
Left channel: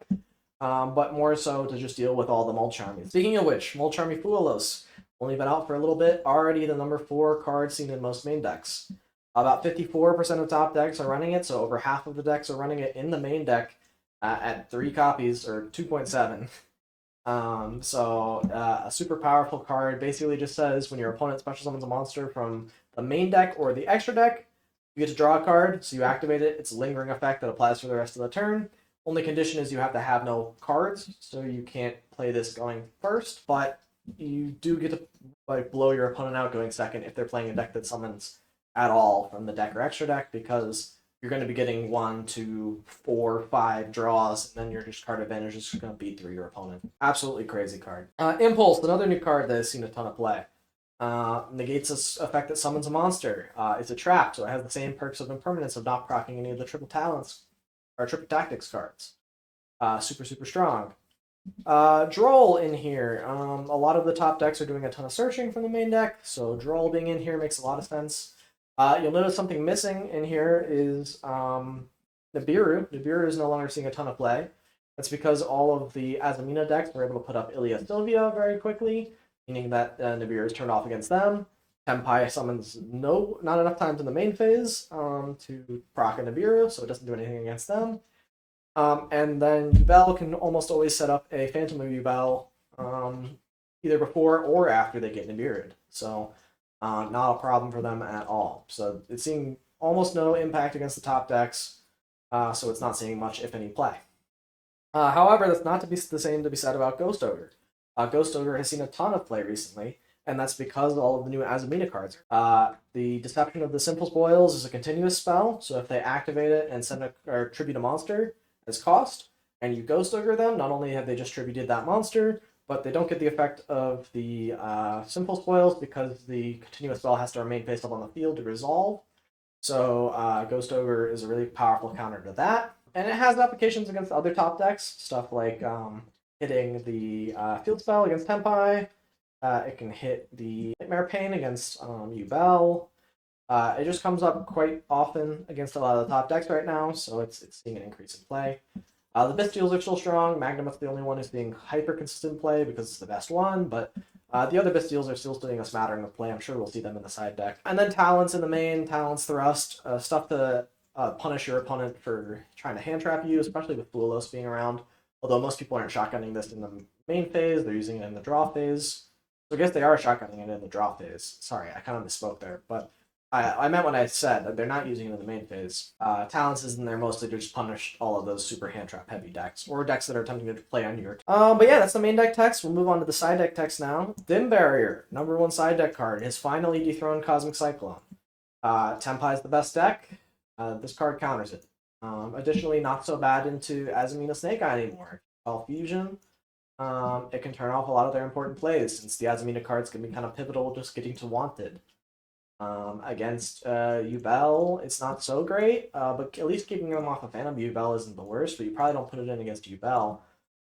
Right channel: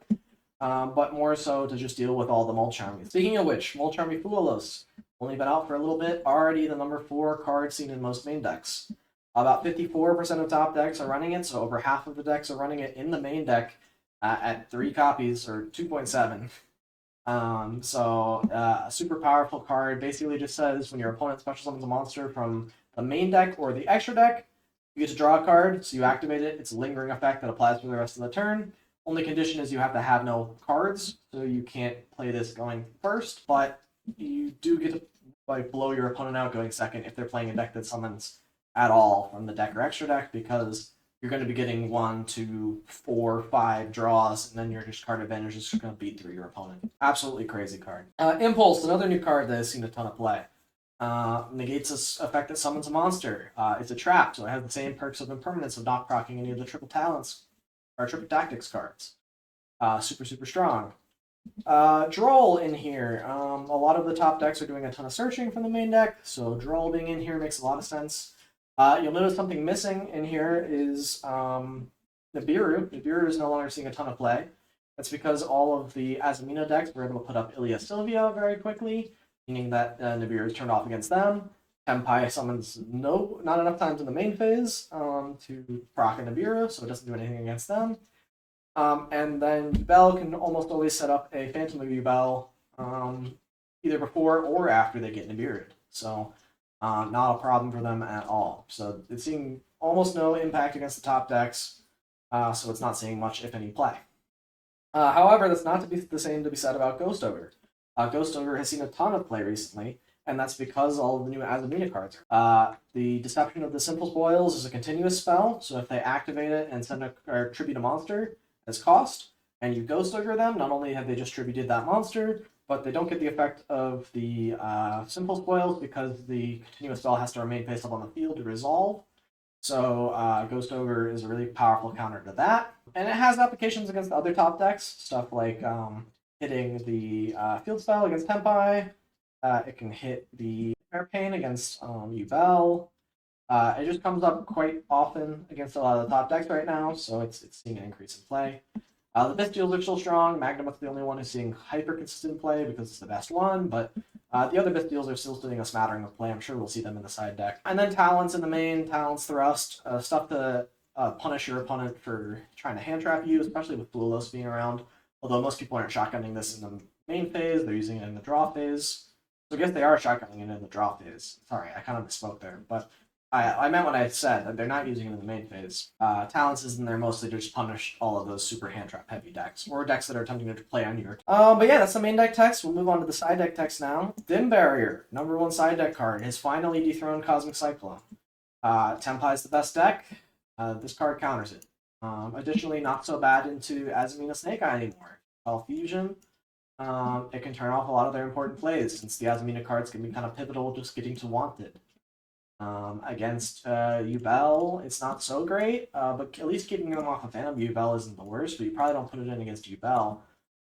But more so to just deal with all the mulch armies. Speaking of which, mulch army Fuelos, only been out for a little bit, already the number 4 card seen in most main decks. About 54% of top decks are running it, so over half of the decks are running it in the main deck at 3 copies, or 2.7. A super powerful card basically just says when your opponent special summons a monster from the main deck or the extra deck, you get to draw a card, so you activate it. It's a lingering effect that applies for the rest of the turn. Only condition is you have to have no cards, so you can't play this going first, but you do get to blow your opponent out going second if they're playing a deck that summons at all from the deck or extra deck, because you're going to be getting 1, 2, 4, 5 draws, and then your card advantage is going to beat through your opponent. Absolutely crazy card. Impulse, another new card that has seen a ton of play. Negates this effect that summons a monster. It's a trap, so it has the same perks of impermanence of not proccing any of the triple talents or triple tactics cards. Super strong. Droll in here. A lot of the top decks are doing a ton of searching from the main deck, so Droll being in here makes a lot of sense. You'll notice something missing in here is Nibiru. Nibiru is no longer seeing a ton of play. That's because all of the Azamina decks were able to put up Ilia Sylvia very quickly, meaning that Nibiru is turned off against them. Tenpai summons not enough times in the main phase to proc a Nibiru, so it doesn't do anything against them. And then Yubel can almost always set up a Phantom of Yubel either before or after they get Nibiru'd. So not a problem for them at all. So it's seeing almost no impact against the top decks, so it's not seeing much, if any, play. However, that's not to be the same to be said about Ghost Ogre. Ghost Ogre has seen a ton of play recently, and that's because all of the new Azamina cards are. The Deception of the Simple Spoils is a continuous spell, so if they activate it and send or tribute a monster as cost, and you Ghost Ogre them, not only have they just tributed that monster, but they don't get the effect of the Simple Spoils because the continuous spell has to remain face up on the field to resolve. So Ghost Ogre is a really powerful counter to that. And it has applications against other top decks, stuff like hitting the field spell against Tenpai. It can hit the Nightmare Pain against Yubel. It just comes up quite often against a lot of the top decks right now, so it's seeing an increase in play. The Bystials are still strong. Magnum's the only one who's seeing hyper-consistent play because it's the best one, but the other Bystials are still doing a smattering of play. I'm sure we'll see them in the side deck. And then Talents in the main, Talents Thrust, stuff to punish your opponent for trying to hand trap you, especially with Duelos being around. Although most people aren't shotgunning this in the main phase, they're using it in the draw phase. So I guess they are shotgunning it in the draw phase. Sorry, I kind of misspoke there, but I meant what I said, that they're not using it in the main phase. Talents is in there mostly to just punish all of those super hand trap heavy decks, or decks that are attempting to play on your but yeah, that's the main deck text. We'll move on to the side deck text now. Dim Barrier, number 1 side deck card, has finally dethroned Cosmic Cyclone. Tenpai is the best deck. This card counters it. Additionally, not so bad into Azamina Snake Eye anymore. Spell Fusion. It can turn off a lot of their important plays, since the Azamina cards can be kind of pivotal just getting to Wanted. Against Yubel, it's not so great, but at least keeping them off of Phantom Yubel isn't the worst, but you probably don't put it in against Yubel.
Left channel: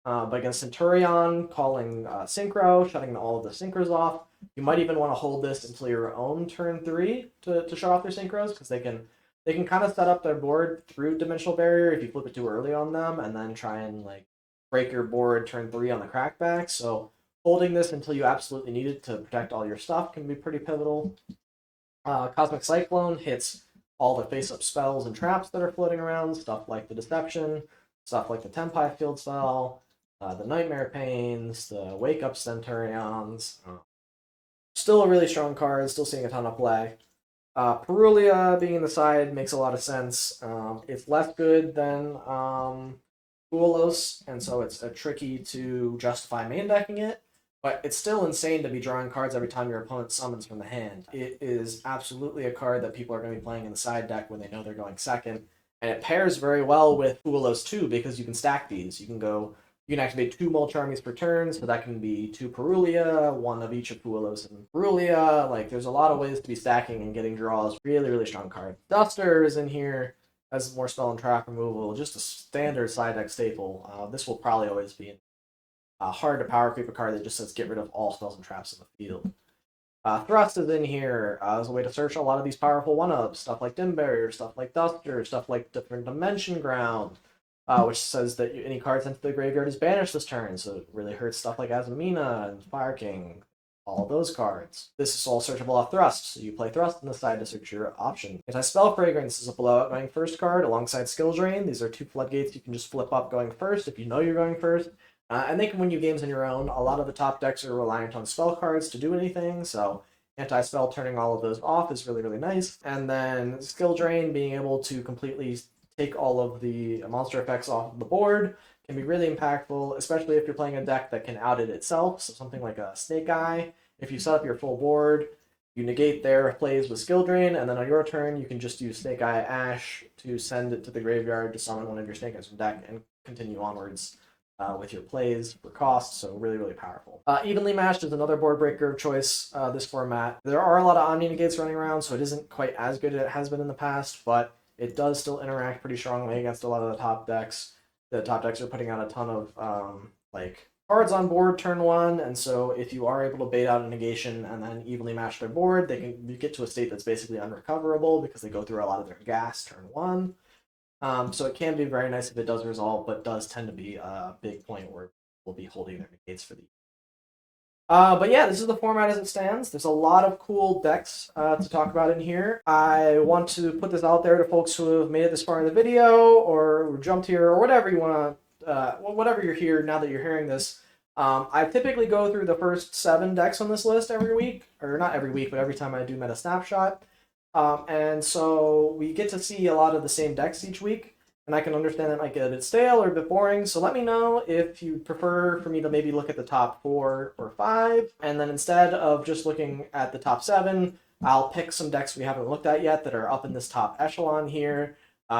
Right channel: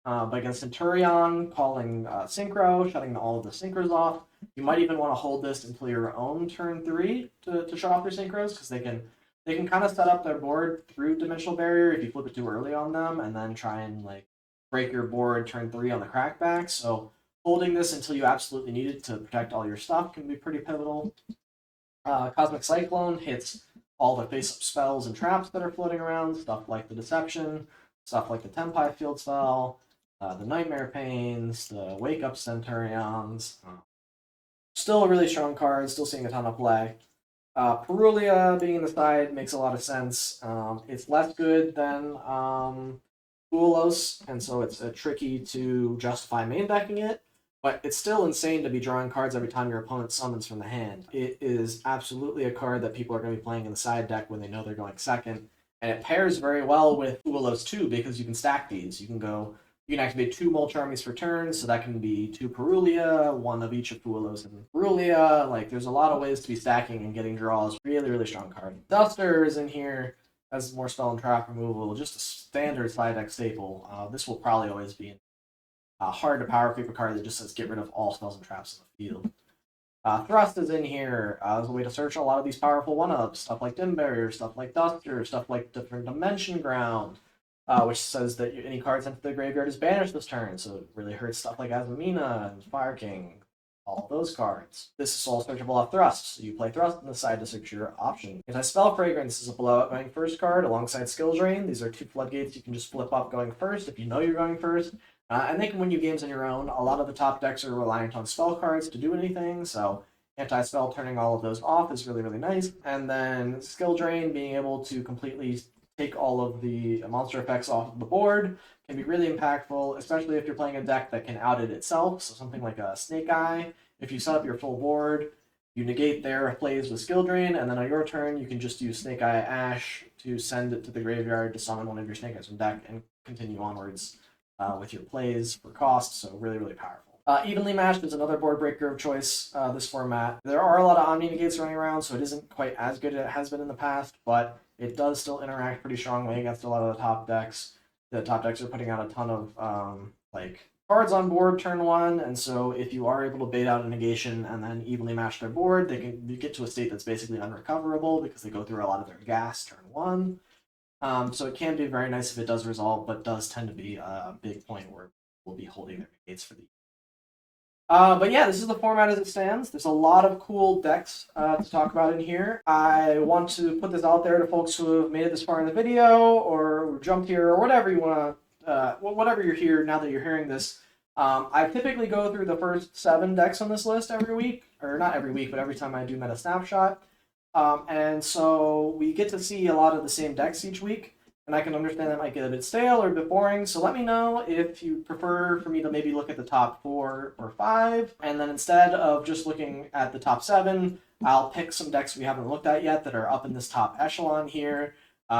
But against Centur-ion, calling Synchro, shutting all of the Synchros off, you might even want to hold this until your own turn 3 to shut off their Synchros, because they can kind of set up their board through Dimensional Barrier if you flip it too early on them, and then try and break your board turn 3 on the crackback. So holding this until you absolutely need it to protect all your stuff can be pretty pivotal. Cosmic Cyclone hits all the face-up spells and traps that are floating around, stuff like the Deception, stuff like the Tenpai Field Spell, the Nightmare Pains, the Wake Up Centur-ions. Still a really strong card, still seeing a ton of play. Perulia being in the side makes a lot of sense. It's less good than Buolos, and so it's tricky to justify main decking it, but it's still insane to be drawing cards every time your opponent summons from the hand. It is absolutely a card that people are going to be playing in the side deck when they know they're going second, and it pairs very well with Buolos too, because you can stack these. You can activate 2 Mulch Armies per turn, so that can be 2 Perulia, 1 of each of Buolos and Perulia. Like, there's a lot of ways to be stacking and getting draws. Really, really strong card. Duster is in here as more spell and trap removal, just a standard side deck staple. This will probably always be hard to power creep a card that just says get rid of all spells and traps in the field. Thrust is in here as a way to search a lot of these powerful 1-ups, stuff like Dim Barrier, stuff like Duster, stuff like Different Dimension Ground, which says that any card sent to the graveyard is banished this turn, so it really hurts stuff like Azamina and Fire King, all those cards. This is all searchable off Thrust, so you play Thrust on the side to search your option. Anti-Spell Fragrance is a blowout going first card alongside Skill Drain. These are 2 floodgates you can just flip up going first if you know you're going first. And they can win you games on your own. A lot of the top decks are reliant on spell cards to do anything, so anti-spell turning all of those off is really, really nice. And then Skill Drain, being able to completely take all of the monster effects off of the board, can be really impactful, especially if you're playing a deck that can out-it itself. So something like a Snake Eye, if you set up your full board, you negate their plays with Skill Drain, and then on your turn, you can just use Snake Eye Ash to send it to the graveyard to summon one of your Snake Eyes from deck and continue onwards with your plays for cost, so really, really powerful. Evenly Matched is another board breaker of choice this format. There are a lot of Omni Negates running around, so it isn't quite as good as it has been in the past, but it does still interact pretty strongly against a lot of the top decks. The top decks are putting out a ton of cards on board turn 1, and so if you are able to bait out a negation and then evenly match their board, you get to a state that's basically unrecoverable because they go through a lot of their gas turn 1. So it can be very nice if it does resolve, but does tend to be a big point where we'll be holding their negates for the. But yeah, this is the format as it stands. There's a lot of cool decks to talk about in here. I want to put this out there to folks who have made it this far in the video, or jumped here, or whatever you want to, whatever you're here now that you're hearing this. I typically go through the first 7 decks on this list every week, or not every week, but every time I do Meta Snapshot. And so we get to see a lot of the same decks each week, and I can understand that might get a bit stale or a bit boring, so let me know if you prefer for me to maybe look at the top 4 or 5, and then instead of just looking at the top 7, I'll pick some decks we haven't looked at yet that are up in this top echelon here.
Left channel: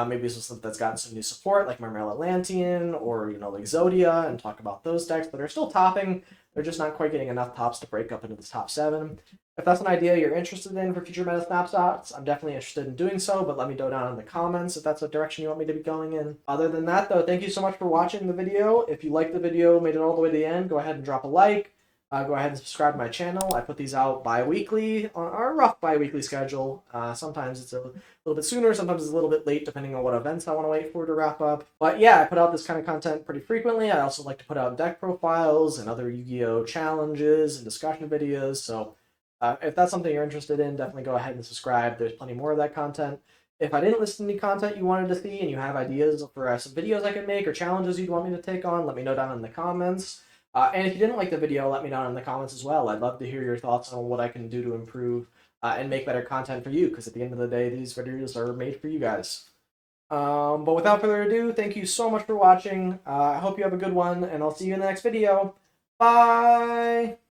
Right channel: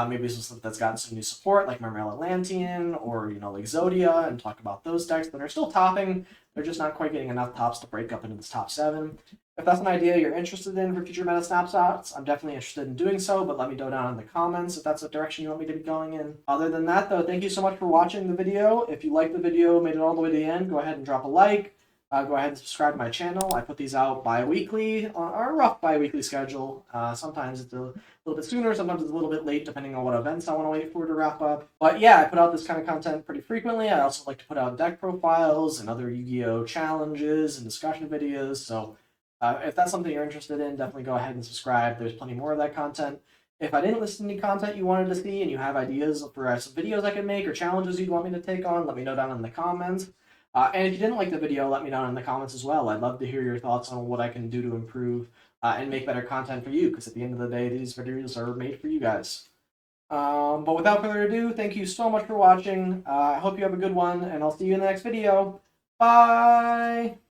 Maybe some stuff that's got some new support, like Mermail Atlantean, or, like Zodia, and talk about those decks that are still topping. They're just not quite getting enough tops to break up into this top 7. If that's an idea you're interested in for future Meta Snapshots, I'm definitely interested in doing so, but let me know down in the comments if that's a direction you want me to be going in. Other than that, though, thank you so much for watching the video. If you liked the video, made it all the way to the end, go ahead and drop a like. Go ahead and subscribe to my channel. I put these out bi-weekly, on our rough bi-weekly schedule. Sometimes it's a little bit sooner, sometimes it's a little bit late, depending on what events I want to wait for to wrap up. But yeah, I put out this kind of content pretty frequently. I also like to put out deck profiles and other Yu-Gi-Oh! Challenges and discussion videos, so if that's something you're interested in, definitely go ahead and subscribe. There's plenty more of that content. If I didn't list any content you wanted to see and you have ideas for some videos I can make or challenges you'd want me to take on, let me know down in the comments. And if you didn't like the video, let me know in the comments as well. I'd love to hear your thoughts on what I can do to improve and make better content for you, because at the end of the day, these videos are made for you guys. But without further ado, thank you so much for watching. I hope you have a good one, and I'll see you in the next video. Bye!